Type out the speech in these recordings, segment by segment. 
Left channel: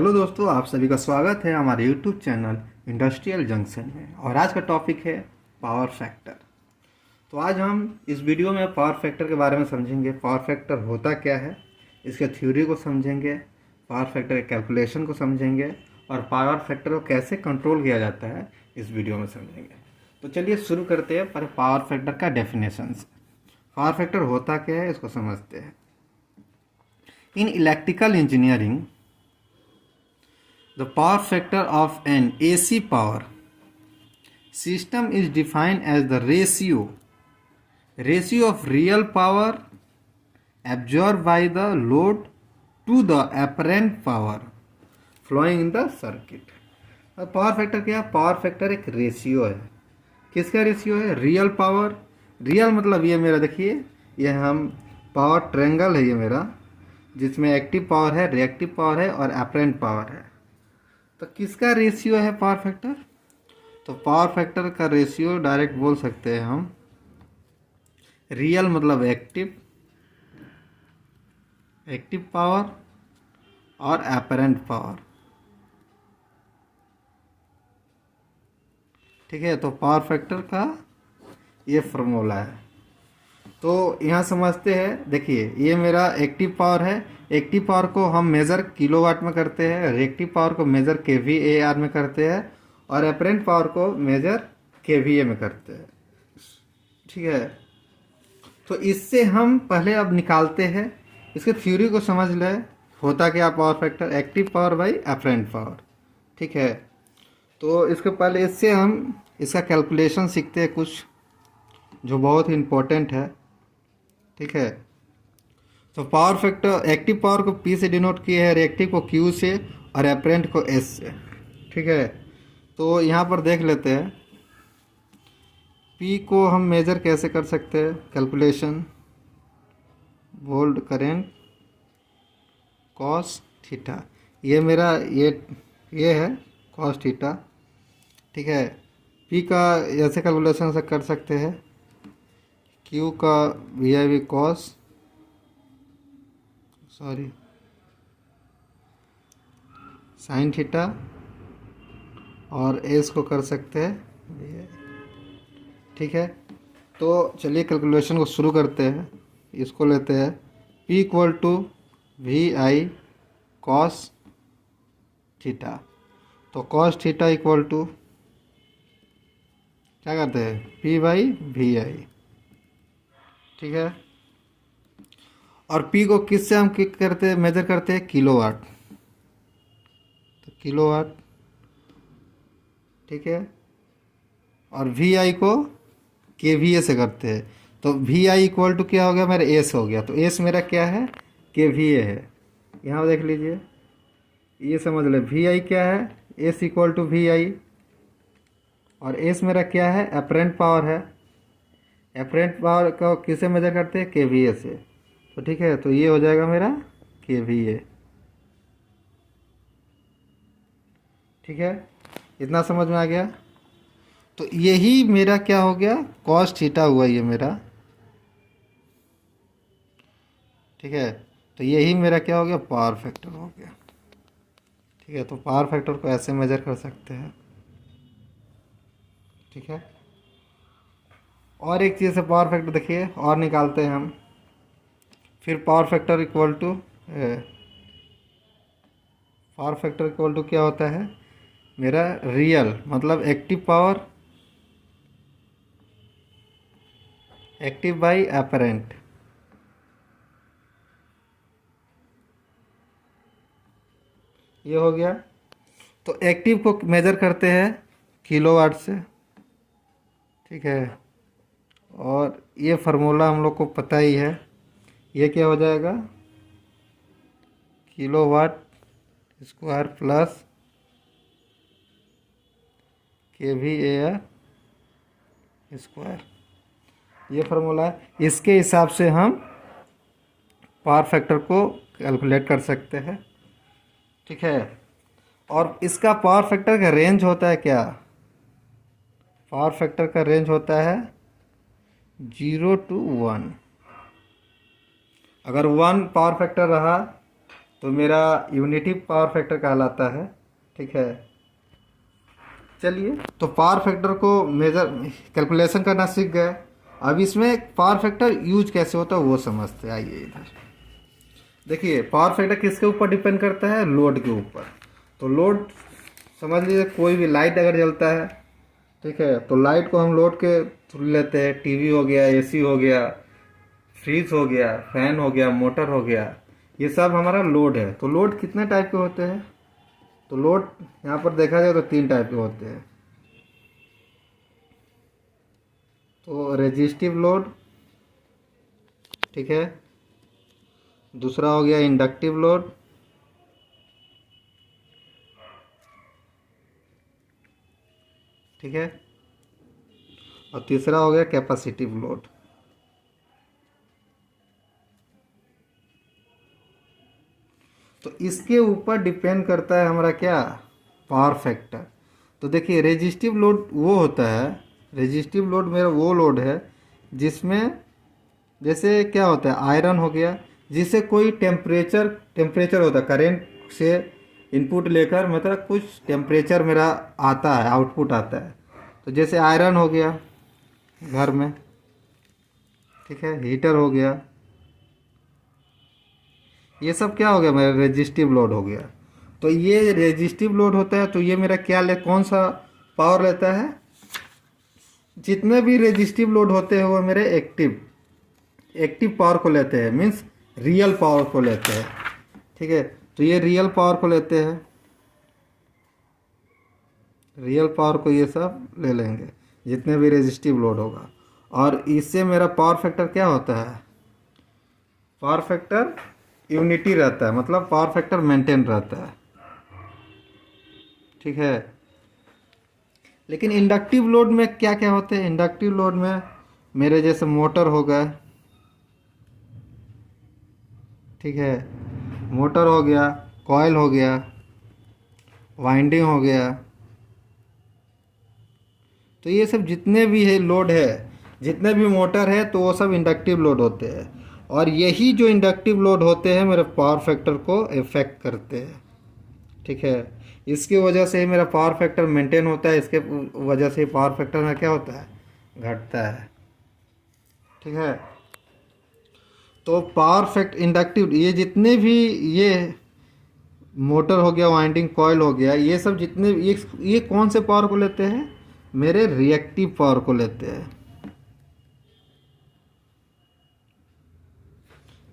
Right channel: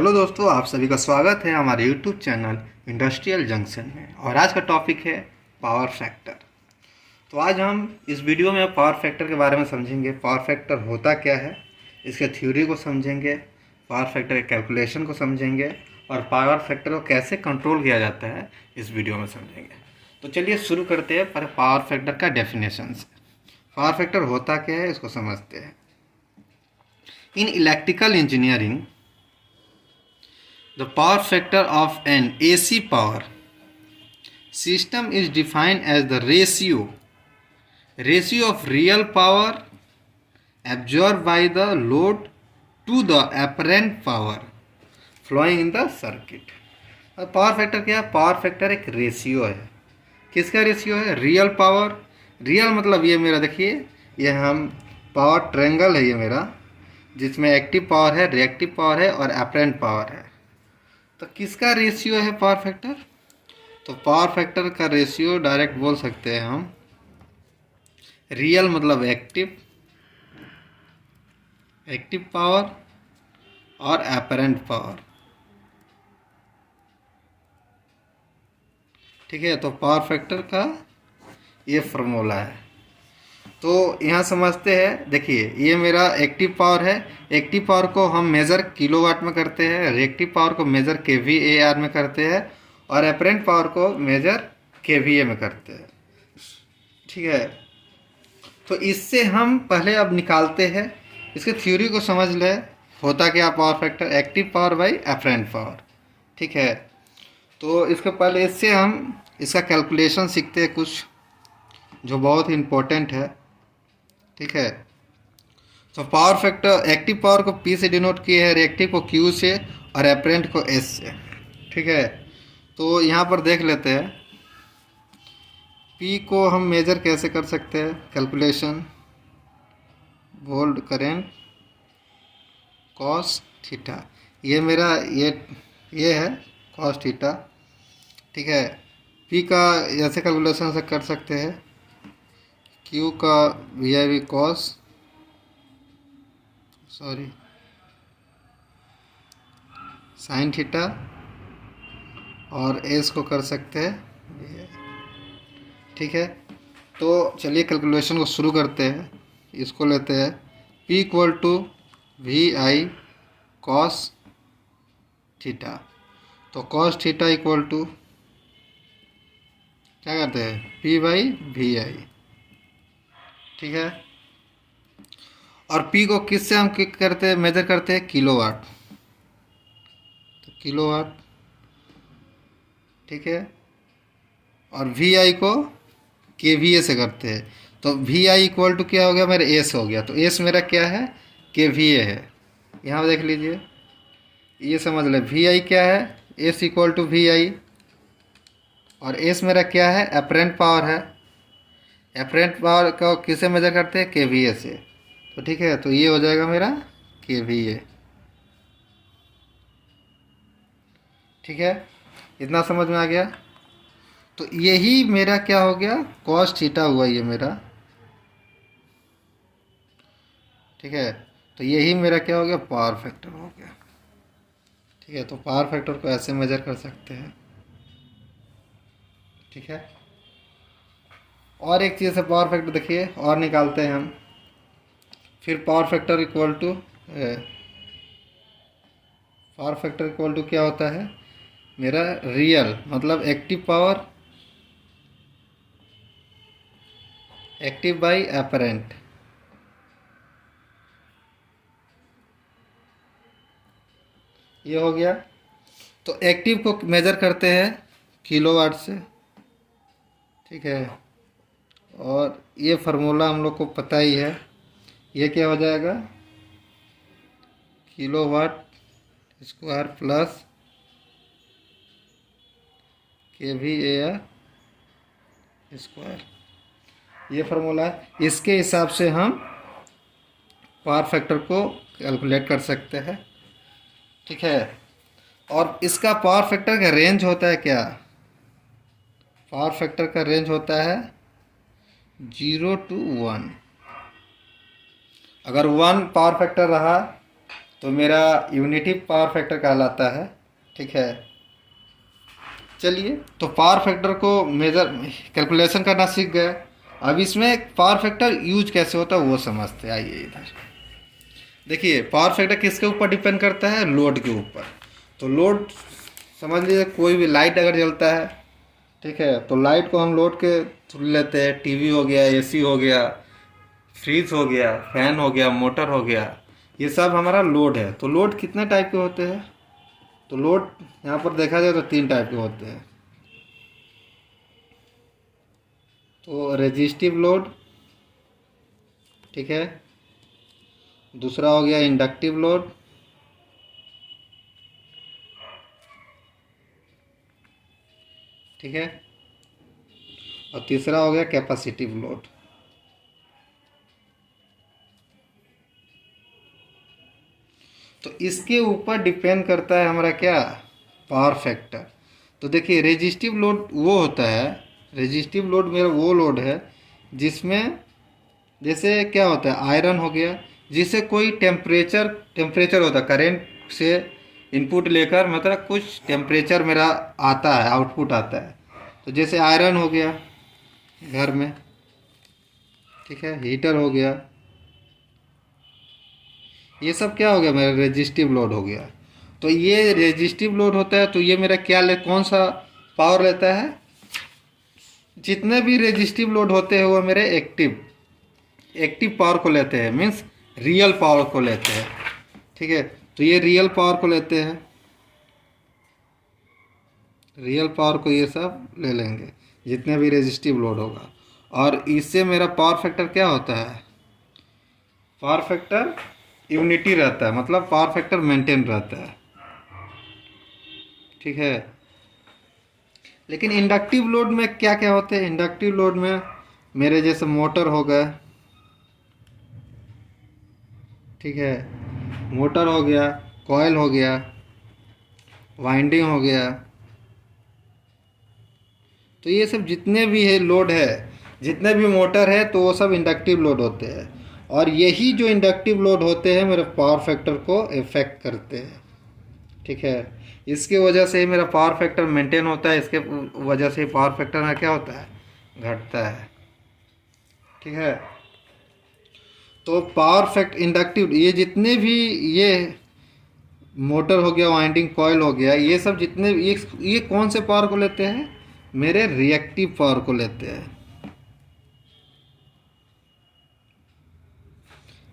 Hello दोस्तों, आप सभी का स्वागत है हमारे यूट्यूब चैनल इंडस्ट्रियल जंक्शन में। और आज का टॉपिक है पावर फैक्टर। तो आज हम इस वीडियो में पावर फैक्टर के बारे में समझेंगे। पावर फैक्टर होता क्या है, इसके थ्योरी को समझेंगे, पावर फैक्टर के कैलकुलेशन को समझेंगे और पावर फैक्टर को कैसे कंट्रोल किया जाता है इस वीडियो में समझेंगे। तो चलिए शुरू करते हैं पर पावर फैक्टर का डेफिनेशन से। पावर फैक्टर होता क्या है इसको समझते हैं। In electrical engineering, the power factor of an AC power system is defined as the ratio of real power absorbed by the load to the apparent power flowing in the circuit। और power factor क्या है? Power factor एक ratio है। किसका ratio है? Real power. Real मतलब ये मेरा देखिए, ये हम पावर ट्रायंगल है ये मेरा, जिसमें एक्टिव पावर है, रिएक्टिव पावर है और अपरेंट पावर है। तो किसका रेशियो है पावर फैक्टर? तो पावर फैक्टर का रेशियो डायरेक्ट बोल सकते हैं हम, रियल मतलब एक्टिव पावर और अपरेंट पावर। ठीक है, तो पावर फैक्टर का ये फार्मूला है। तो यहाँ समझते हैं, देखिए ये मेरा एक्टिव पावर है। एक्टिव पावर को हम मेज़र किलोवाट में करते हैं, रिएक्टिव पावर को मेज़र kVAr में करते हैं और अपरेंट पावर को मेज़र kVA में करते हैं। ठीक है, तो इससे हम पहले अब निकालते हैं, इसके थ्योरी को समझ ले। होता क्या power factor? Active power by apparent power. ठीक है, तो इसके पहले इससे हम इसका कैलकुलेशन सीखते हैं कुछ जो बहुत ही इम्पोर्टेंट है। ठीक है, तो पावर फैक्टर एक्टिव पावर को P से डिनोट किए हैं, रिएक्टिव को Q से और अपरेंट को S से। ठीक है, तो यहाँ पर देख लेते हैं P को हम मेजर कैसे कर सकते हैं। Calculation, volt current cos theta, ये मेरा ये है कॉस थीटा। ठीक है, P का ऐसे कैलकुलेशन से कर सकते हैं, Q का VI कॉस साइन थीटा और S को कर सकते हैं VI। ठीक है, तो चलिए कैलकुलेशन को शुरू करते हैं। इसको लेते हैं P equal to VI cos theta. तो कॉस थीटा इक्वल टू क्या करते हैं? P by VI। ठीक है, और P को किससे हम किक करते हैं, मेजर करते हैं? किलोवाट। तो किलोवाट। ठीक है, और VI को kVA से करते हैं। तो VI इक्वल टू क्या हो गया मेरा? S हो गया। तो S मेरा क्या है? kVA है। यहाँ देख लीजिए, ये समझ ले VI क्या है? S इक्वल टू VI और S मेरा क्या है? अपरेंट पावर है। अपरेंट पावर को किससे मेजर करते हैं? kVA से। तो ठीक है, तो ये हो जाएगा मेरा kVA। ठीक है, इतना समझ में आ गया। तो यही मेरा क्या हो गया? कॉस थीटा हुआ ये मेरा। ठीक है, तो यही मेरा क्या हो गया? पावर फैक्टर हो गया। ठीक है, तो पावर फैक्टर को ऐसे मेजर कर सकते हैं। ठीक है, और एक चीज़ से पावर फैक्टर देखिए और निकालते हैं हम। फिर पावर फैक्टर इक्वल टू क्या होता है मेरा? रियल मतलब active power, active by apparent. ये हो गया। तो एक्टिव को मेजर करते हैं किलोवाट से। ठीक है, और ये फार्मूला हम लोग को पता ही है। ये क्या हो जाएगा? Kilowatt square plus kVAr square, ये फार्मूला है। इसके हिसाब से हम पावर फैक्टर को कैलकुलेट कर सकते हैं। ठीक है, और इसका पावर फैक्टर का रेंज होता है क्या? पावर फैक्टर का रेंज होता है 0 to 1। अगर 1 पावर फैक्टर रहा तो मेरा यूनिटी पावर फैक्टर कहलाता है। ठीक है, चलिए तो पावर फैक्टर को मेजर कैलकुलेशन करना सीख गए। अब इसमें पावर फैक्टर यूज कैसे होता है वो समझते हैं। आइए इधर देखिए, पावर फैक्टर किसके ऊपर डिपेंड करता है? लोड के ऊपर। तो लोड समझ लीजिए, कोई भी लाइट अगर जलता है, ठीक है, तो लाइट को हम लोड के थ्रू लेते हैं। टीवी हो गया, एसी हो गया, फ्रिज हो गया, फैन हो गया, मोटर हो गया, ये सब हमारा लोड है। तो लोड कितने टाइप के होते हैं? तो लोड यहाँ पर देखा जाए तो 3 टाइप के होते हैं। तो रेजिस्टिव लोड, ठीक है, दूसरा हो गया इंडक्टिव लोड, ठीक है, और तीसरा हो गया कैपेसिटिव लोड। तो इसके ऊपर डिपेंड करता है हमारा क्या? Power factor. तो देखिए, रेजिस्टिव लोड वो होता है, रेजिस्टिव लोड मेरा वो लोड है जिसमें जैसे क्या होता है, आयरन हो गया, जिससे कोई टेम्परेचर होता है, करेंट से इनपुट लेकर मतलब कुछ टेम्परेचर मेरा आता है, आउटपुट आता है। तो जैसे आयरन हो गया घर में, ठीक है, हीटर हो गया, ये सब क्या हो गया? मेरा रेजिस्टिव लोड हो गया। तो ये रेजिस्टिव लोड होता है, तो ये मेरा क्या कौन सा पावर लेता है? जितने भी रेजिस्टिव लोड होते हैं वो मेरे एक्टिव पावर को लेते हैं, मीन्स रियल पावर को लेते हैं। ठीक है, तो ये रियल पावर को लेते हैं, रियल पावर को ये सब ले लेंगे जितने भी रेजिस्टिव लोड होगा। और इससे मेरा पावर फैक्टर क्या होता है? पावर फैक्टर यूनिटी रहता है, मतलब पावर फैक्टर मेंटेन रहता है। ठीक है, लेकिन इंडक्टिव लोड में क्या क्या होते हैं? इंडक्टिव लोड में मेरे जैसे मोटर हो गया, ठीक है, मोटर हो गया, कॉइल हो गया, वाइंडिंग हो गया, तो ये सब जितने भी है लोड है, जितने भी मोटर है, तो वो सब इंडक्टिव लोड होते हैं। और यही जो इंडक्टिव लोड होते हैं मेरे पावर फैक्टर को इफेक्ट करते हैं। ठीक है, इसकी वजह से ही मेरा पावर फैक्टर मेंटेन होता है, इसके वजह से ही पावर फैक्टर में क्या होता है? घटता है। ठीक है, तो पावर फैक्ट इंडक्टिव, ये जितने भी ये मोटर हो गया, वाइंडिंग कॉइल हो गया, ये सब जितने ये कौन से पावर को लेते हैं? मेरे रिएक्टिव पावर को लेते हैं।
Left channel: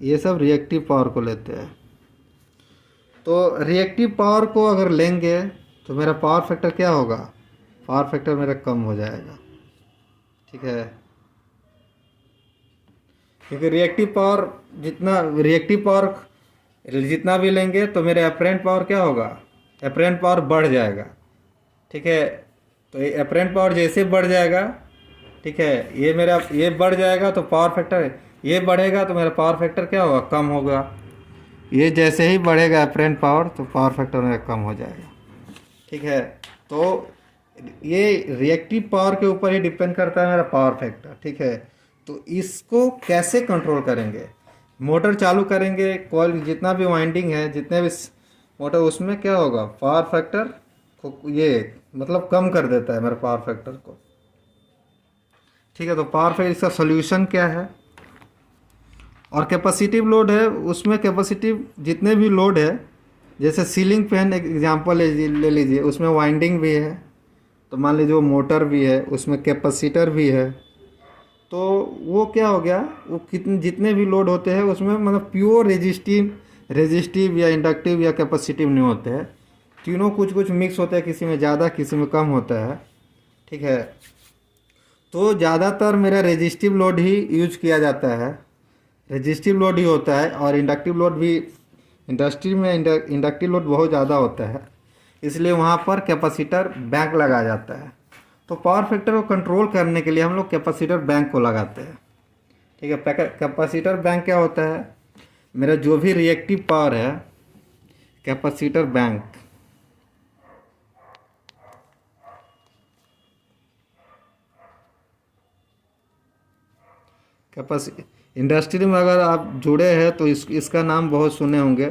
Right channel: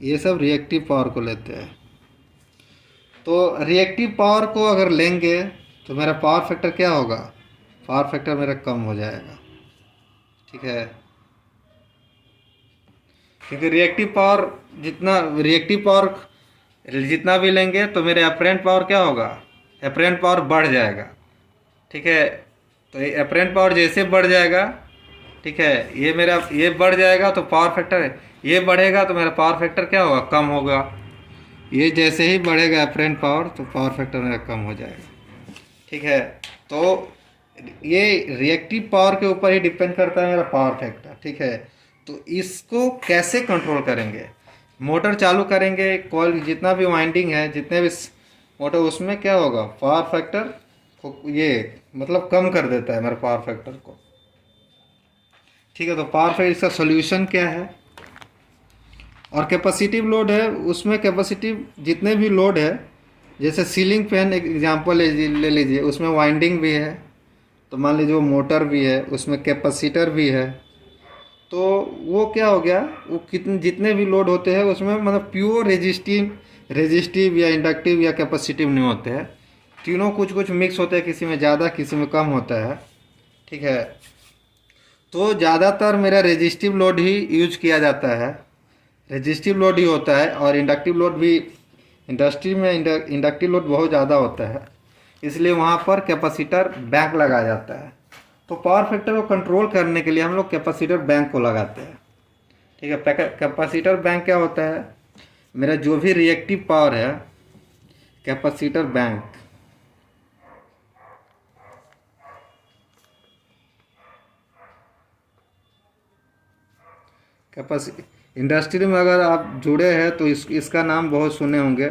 ये सब रिएक्टिव पावर को लेते हैं। तो रिएक्टिव पावर को अगर लेंगे तो मेरा पावर फैक्टर क्या होगा? पावर फैक्टर मेरा कम हो जाएगा। ठीक है, क्योंकि रिएक्टिव पावर जितना भी लेंगे तो मेरे अपरेंट पावर क्या होगा? अपरेंट पावर बढ़ जाएगा। ठीक है, तो ये अपरेंट पावर जैसे बढ़ जाएगा, ठीक है, ये मेरा ये बढ़ जाएगा तो पावर फैक्टर ये बढ़ेगा, तो मेरा पावर फैक्टर क्या होगा? कम होगा। ये जैसे ही बढ़ेगा अपरेंट पावर तो पावर फैक्टर मेरा कम हो जाएगा। ठीक है, तो ये रिएक्टिव पावर के ऊपर ही डिपेंड करता है मेरा पावर फैक्टर। ठीक है, तो इसको कैसे कंट्रोल करेंगे? मोटर चालू करेंगे, कॉइल जितना भी वाइंडिंग है, जितने भी मोटर, उसमें क्या होगा? पावर फैक्टर को ये मतलब कम कर देता है मेरे पावर फैक्टर को। ठीक है, तो पावर फैक्टर इसका सोल्यूशन क्या है? और कैपेसिटिव लोड है, उसमें कैपेसिटिव जितने भी लोड है, जैसे सीलिंग फैन एग्जांपल ले लीजिए, उसमें वाइंडिंग भी है, तो मान लीजिए वो मोटर भी है, उसमें कैपेसिटर भी है। तो वो क्या हो गया? वो कितने जितने भी लोड होते हैं उसमें मतलब प्योर रेजिस्टिव या इंडक्टिव या कैपेसिटिव नहीं होते हैं, तीनों कुछ कुछ मिक्स होते हैं, किसी में ज़्यादा किसी में कम होता है। ठीक है, तो ज़्यादातर मेरा रेजिस्टिव लोड ही यूज किया जाता है, रेजिस्टिव लोड ही होता है। और इंडक्टिव लोड भी, इंडस्ट्री में इंडक्टिव लोड बहुत ज़्यादा होता है, इसलिए वहाँ पर कैपेसिटर बैंक लगाया जाता है। तो पावर फैक्टर को कंट्रोल करने के लिए हम लोग कैपेसिटर बैंक को लगाते हैं। ठीक है, कैपेसिटर बैंक क्या होता है? मेरा जो भी रिएक्टिव पावर है, कैपेसिटर बैंक, इंडस्ट्री में अगर आप जुड़े हैं तो इसका नाम बहुत सुने होंगे,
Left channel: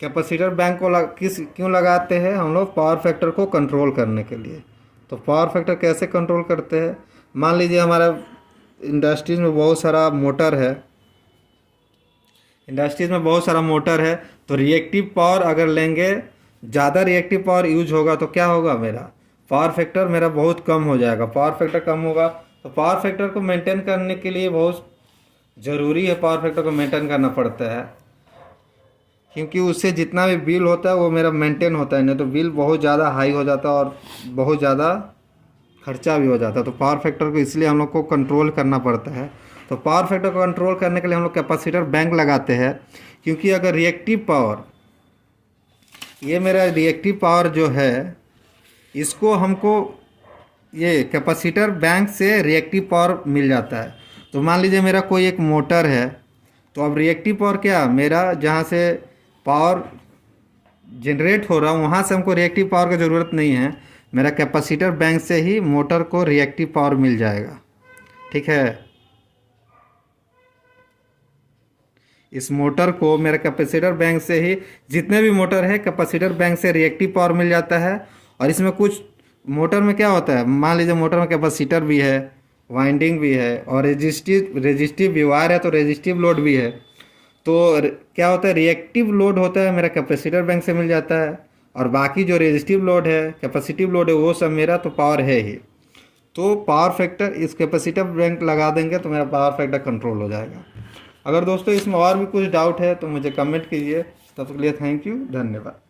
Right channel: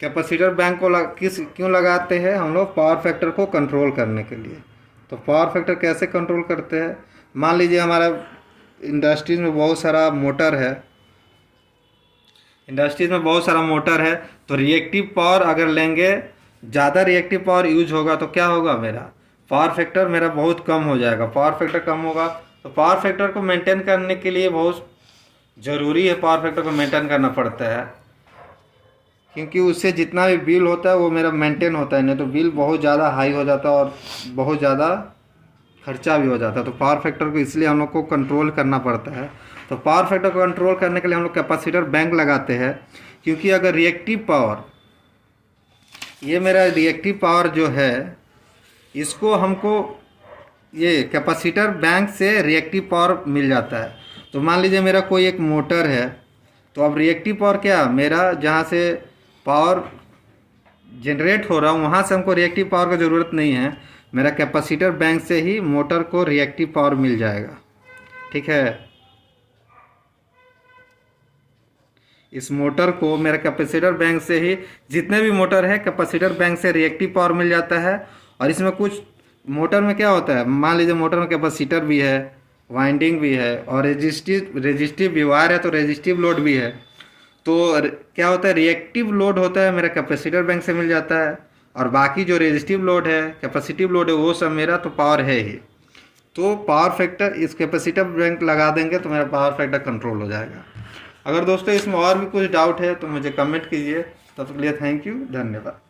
कैपेसिटर बैंक को क्यों लगाते हैं हम लोग? पावर फैक्टर को कंट्रोल करने के लिए। तो पावर फैक्टर कैसे कंट्रोल करते हैं? मान लीजिए हमारा इंडस्ट्रीज में बहुत सारा मोटर है, तो रिएक्टिव पावर अगर लेंगे, ज़्यादा रिएक्टिव पावर यूज होगा तो क्या होगा? मेरा पावर फैक्टर मेरा बहुत कम हो जाएगा। पावर फैक्टर कम होगा तो पावर फैक्टर को मेंटेन करने के लिए बहुत ज़रूरी है, पावर फैक्टर को मेंटेन करना पड़ता है, क्योंकि उससे जितना भी बिल होता है वो मेरा मेंटेन होता है, नहीं तो बिल बहुत ज़्यादा हाई हो जाता है और बहुत ज़्यादा खर्चा भी हो जाता है। तो पावर फैक्टर को इसलिए हम लोग को कंट्रोल करना पड़ता है। तो पावर फैक्टर को कंट्रोल करने के लिए हम लोग कैपेसिटर बैंक लगाते हैं, क्योंकि अगर रिएक्टिव पावर, ये मेरा रिएक्टिव पावर जो है, इसको हमको ये कैपेसिटर बैंक से रिएक्टिव पावर मिल जाता है। तो मान लीजिए मेरा कोई एक मोटर है, तो अब रिएक्टिव पावर क्या, मेरा जहाँ से पावर जनरेट हो रहा है वहाँ से हमको रिएक्टिव पावर की ज़रूरत नहीं है, मेरा कैपेसिटर बैंक से ही मोटर को रिएक्टिव पावर मिल जाएगा। ठीक है, इस मोटर को मेरा कैपेसिटर बैंक से ही, जितने भी मोटर है कैपेसिटर बैंक से रिएक्टिव पावर मिल जाता है। और इसमें कुछ मोटर में क्या होता है, मान लीजिए मोटर में कैपेसिटर भी है, वाइंडिंग भी है और रेजिस्टिव भी वायर है, तो रेजिस्टिव लोड भी है। तो क्या होता है, रिएक्टिव लोड होता है मेरा कैपेसिटर बैंक से मिल जाता है, और बाकी जो रेजिस्टिव लोड है, कैपेसिटिव लोड है, वो सब मेरा तो पावर है ही। तो पावर फैक्टर, इस कैपेसिटर बैंक लगा देंगे तो मेरा पावर फैक्टर कंट्रोल हो जाएगा। अगर दोस्तों इसमें और भी कुछ डाउट है तो मुझे कमेंट कीजिए। तब तक के लिए थैंक यू, धन्यवाद।